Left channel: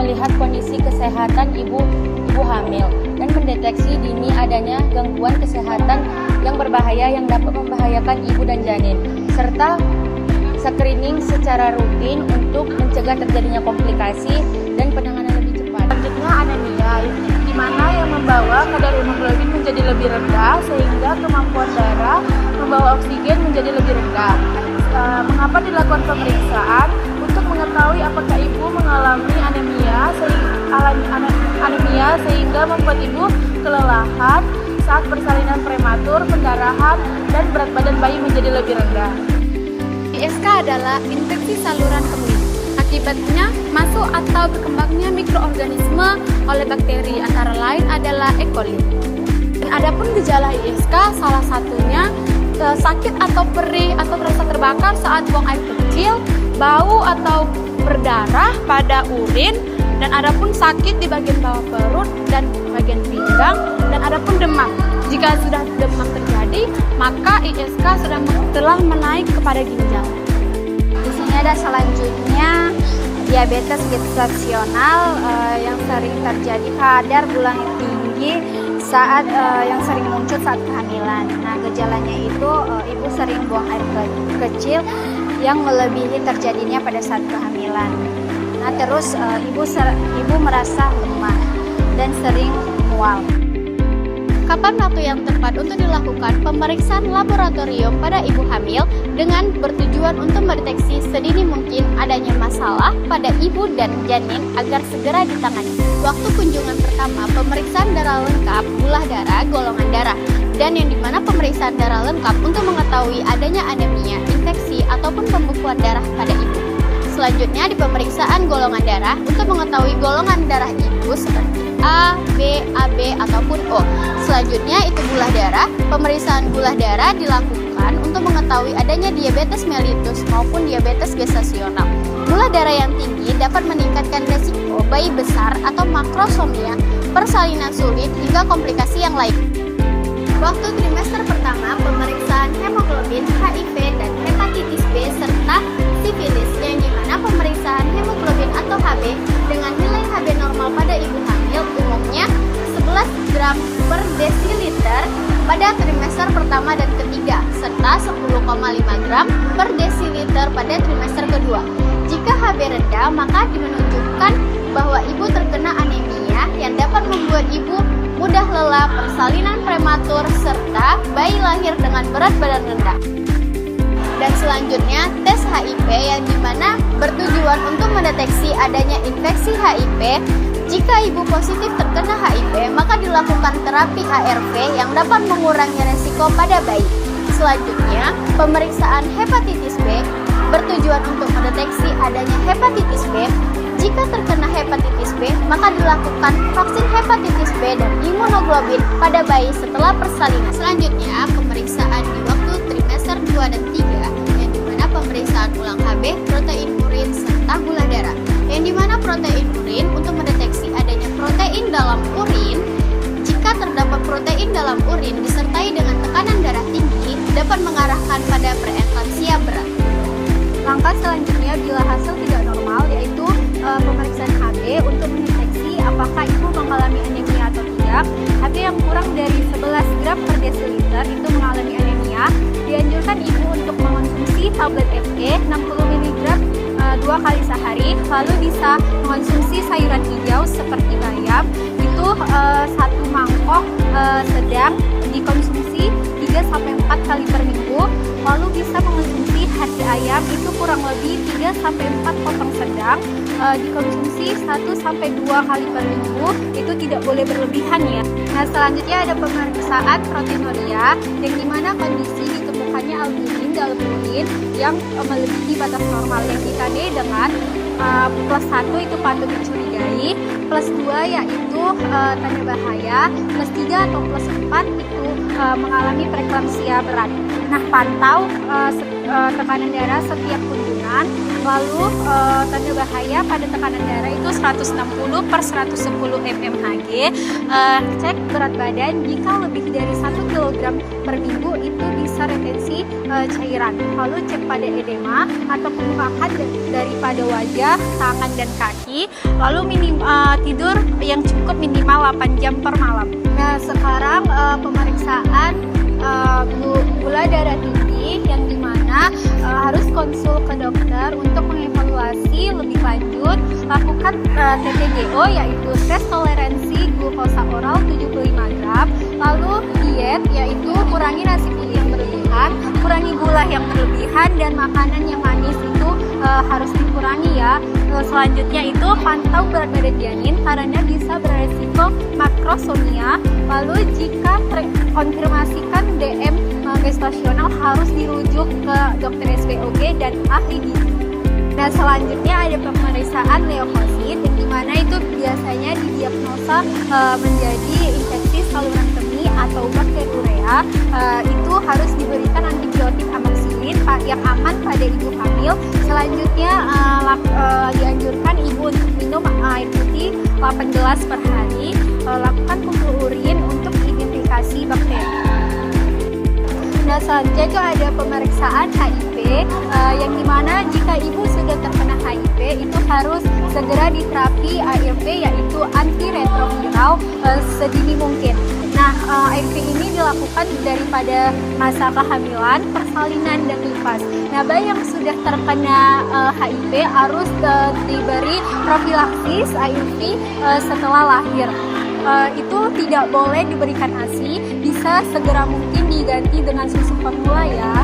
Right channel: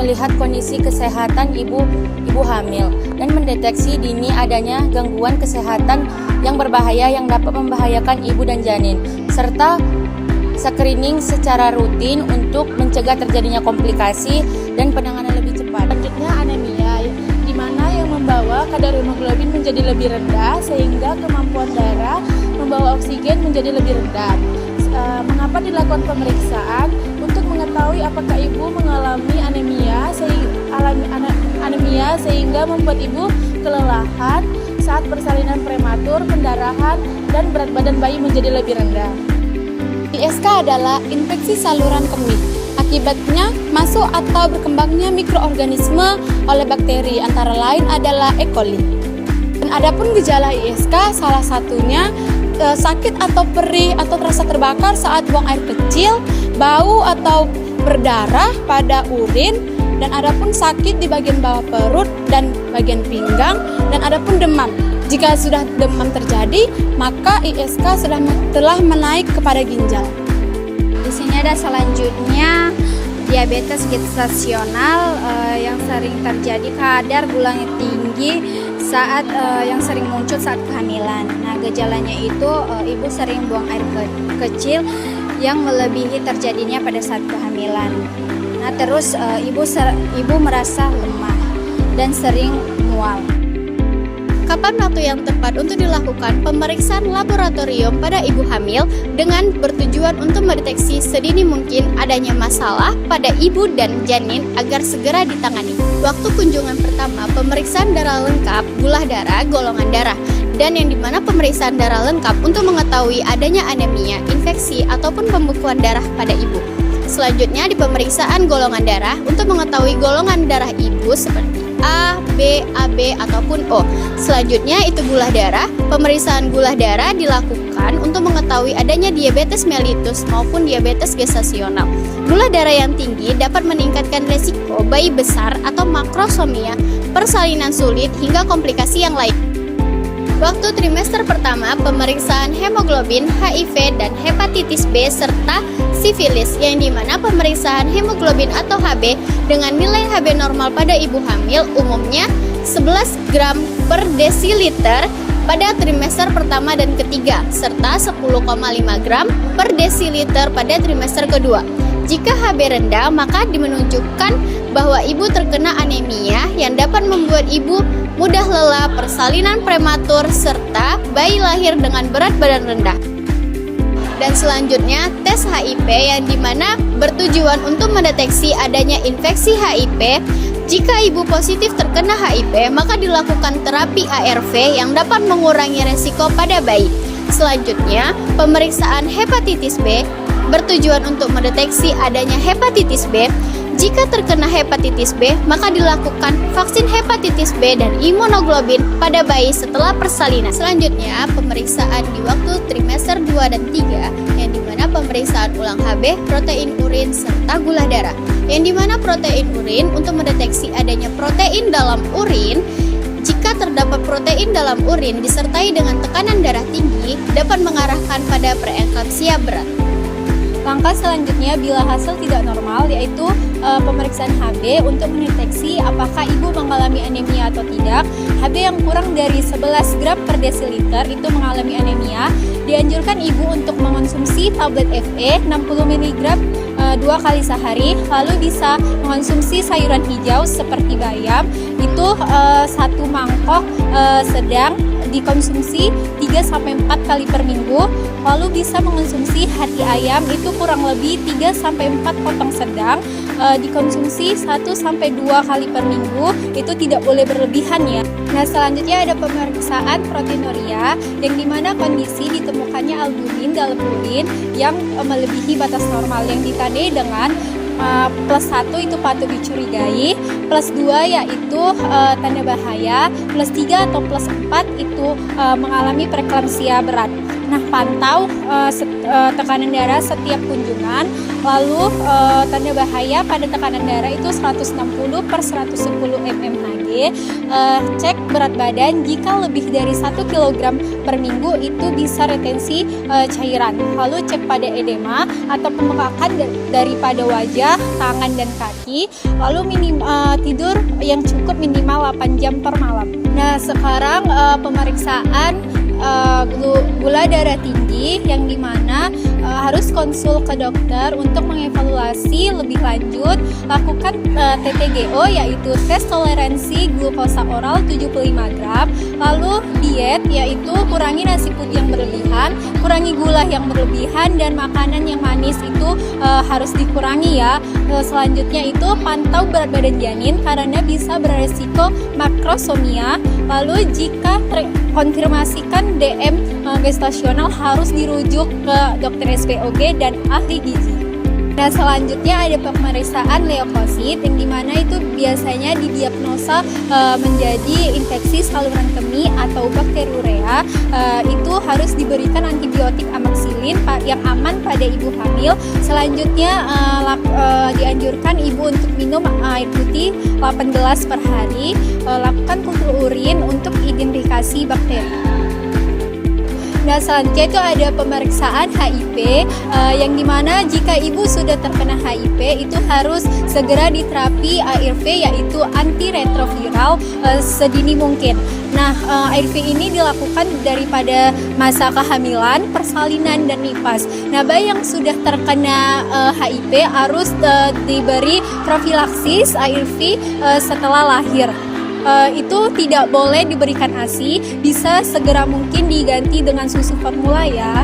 melihat kondisi kesehatan ibu hamil dan mendeteksi dini adanya gangguan kesehatan yang berbahaya yang dapat membahayakan ibu dan janin, serta screening secara rutin untuk mencegah terjadinya komplikasi dan penanganan lebih cepat. Selanjutnya anemia, di mana yang membawa kadar hemoglobin menjadi lebih rendah sehingga kemampuan darah membawa oksigen menjadi lebih rendah. Mengapa dilakukan pemeriksaan? Untuk mengetahui apakah ibu mengalami anemia sehingga membuat ibu kelelahan saat persalinan prematur, pendarahan, dan berat badan bayi menjadi lebih rendah. ISK adalah infeksi saluran kemih. Akibatnya masuk atau berkembangnya mikroorganisme oleh bakteri, antara lain adalah E. coli. Dan adapun gejala ISK salah satunya sakit atau perih atau terasa terbakar saat buang air kecil, bau atau berdarah pada urin, dan adapun sakit di bagian bawah perut dan bagian pinggang, dan adapun demam. Jika sudah demam terjadi, maka ISK telah menaik kepada ginjal. Di sini ada selanjutnya diabetes gestasional yang sering terjadi, kadar gulanya tinggi saat yang sering muncul saat kehamilan. Nah, gejalanya itu ibu sering buang air kecil yang melebihi terjadinya pada saat kehamilan. Nah, terus ibu merasa lemah dan sering mual. Kapan waktu yang tepat untuk dilakukan pemeriksaan laboratorium pada ibu hamil dengan bertujuan untuk mendeteksi sedini mungkin adanya masalah pada ibu dan janin agar segera ditangani. Waktu kunjungan pertama, pemeriksaan darah lengkap, gula darah, golongan darah, dan yang dimana pemeriksaan darah lengkap untuk mengetahui adanya anemia, infeksi, ataupun pembekuan darah pada ibu. Selanjutnya di pemeriksaan golongan darah untuk mengetahui golongan darah ibu seperti A, B, AB, ataupun O. Selanjutnya itu gula darah. Pemeriksaan gula darah dilakukan untuk mengetahui adanya diabetes mellitus maupun diabetes gestasional. Gula darah yang tinggi dapat meningkatkan resiko bayi besar atau makrosomia, persalinan sulit, hingga komplikasi yang lain. Waktu trimester pertama, pemeriksaan hemoglobin, HIV, dan hepatitis B, serta sifilis, yang dimana pemeriksaan hemoglobin atau HB dengan nilai HB normal pada ibu hamil umumnya 11 gram per desiliter pada trimester pertama dan ketiga, serta 10,5 gram per desiliter pada trimester kedua. Jika HB rendah, maka menunjukkan bahwa ibu terkena anemia yang dapat membuat ibu mudah lelah, persalinan prematur, serta bayi lahir dengan berat badan rendah. Dan selanjutnya tes HIV yang dimana bertujuan untuk mendeteksi adanya infeksi HIV. Jika ibu positif terkena HIV, maka dilakukan terapi ARV yang dapat mengurangi resiko pada bayi. Selanjutnya, pemeriksaan hepatitis B bertujuan untuk mendeteksi adanya hepatitis B. Jika terkena hepatitis B, maka dilakukan vaksin hepatitis B dan imunoglobin pada bayi setelah persalinan. Selanjutnya, pemeriksaan di waktu trimester 2 dan 3, yang dimana pemeriksaan ulang HB, protein urin, serta gula darah. Yang dimana protein urin untuk mendeteksi adanya protein dalam urin. Jika terdapat protein dalam urin disertai dengan tekanan darah tinggi, dapat mengarahkan pada preeklampsia berat. Langkah selanjutnya bila hasil tidak normal, yaitu pemeriksaan HB untuk mendeteksi apakah ibu mengalami anemia atau tidak. HB yang kurang dari 11 gram per desiliter itu mengalami anemia. Dianjurkan ibu untuk mengonsumsi tablet FE 60 mg 2 kali sehari, lalu bisa mengonsumsi sayuran hijau seperti bayam itu 1 mangkok sedang dikonsumsi 3-4 kali per minggu, lalu bisa mengonsumsi hati ayam itu kurang lebih 3-4 potong sedang, dikonsumsi 1-2 kali per minggu, itu tidak boleh berlebihan ya. Nah, selanjutnya ada pemeriksaan proteinuria yang dimana kondisi ditemukannya albumin dalam urin yang melebihi batas normal, yang ditandai dengan plus 1 itu patut dicurigai, plus 2 yaitu tanda bahaya, plus 3 atau plus 4 itu mengalami preeklampsia berat. Nah, pantau tekanan darah setiap kunjungan. Lalu tanda bahaya pada tekanan darah itu 160/110 mmHg. Cek berat badan, jika lebih dari 1 kg per minggu itu bisa retensi cairan. Lalu cek pada edema atau pembengkakan daripada wajah, tangan dan kaki. Lalu tidur yang cukup minimal 8 jam per malam. Nah, sekarang pemeriksaan gula darah tinggi, yang dimana harus konsul ke dokter untuk mengevaluasi lebih lanjut. Lakukan TTGO, yaitu tes toleransi glukosa oral 75 gram. Lalu diet, yaitu kurangi nasi putih yang berlebihan, kurangi gula yang berlebihan, dan makanan yang manis itu harus dikurangi ya. Selanjutnya itu pantau berat badan janin karena bisa beresiko makrosomia. Lalu jika konfirmasikan DM gestasional harus dirujuk ke dokter SPOG dan ahli gizi. Nah, selanjutnya ada pemeriksaan leukosit, yang dimana itu biasanya didiagnosa menjadi infeksi saluran kemih atau bakteri urea. Itu harus diberikan antibiotik amoxicillin yang aman pada ibu hamil. Selanjutnya dianjurkan ibu untuk minum air putih 8 gelas per hari. Lakukan kumpul urin untuk identifikasi bakteri. Nah, selanjutnya itu ada pemeriksaan HIV, yang dimana jika ibu sudah terkena HIV itu harus segera diterapi ARV, yaitu antiretroviral sedini mungkin. Nah, ARV ini dilakukan daripada masa kehamilan, persalinan, dan nifas. Nah, bayi yang sudah terkena HIV harus diberi profilaksis ARV setelah lahir. Itu tidak boleh diberikan ASI, bisa segera mungkin diganti dengan susu formula ya.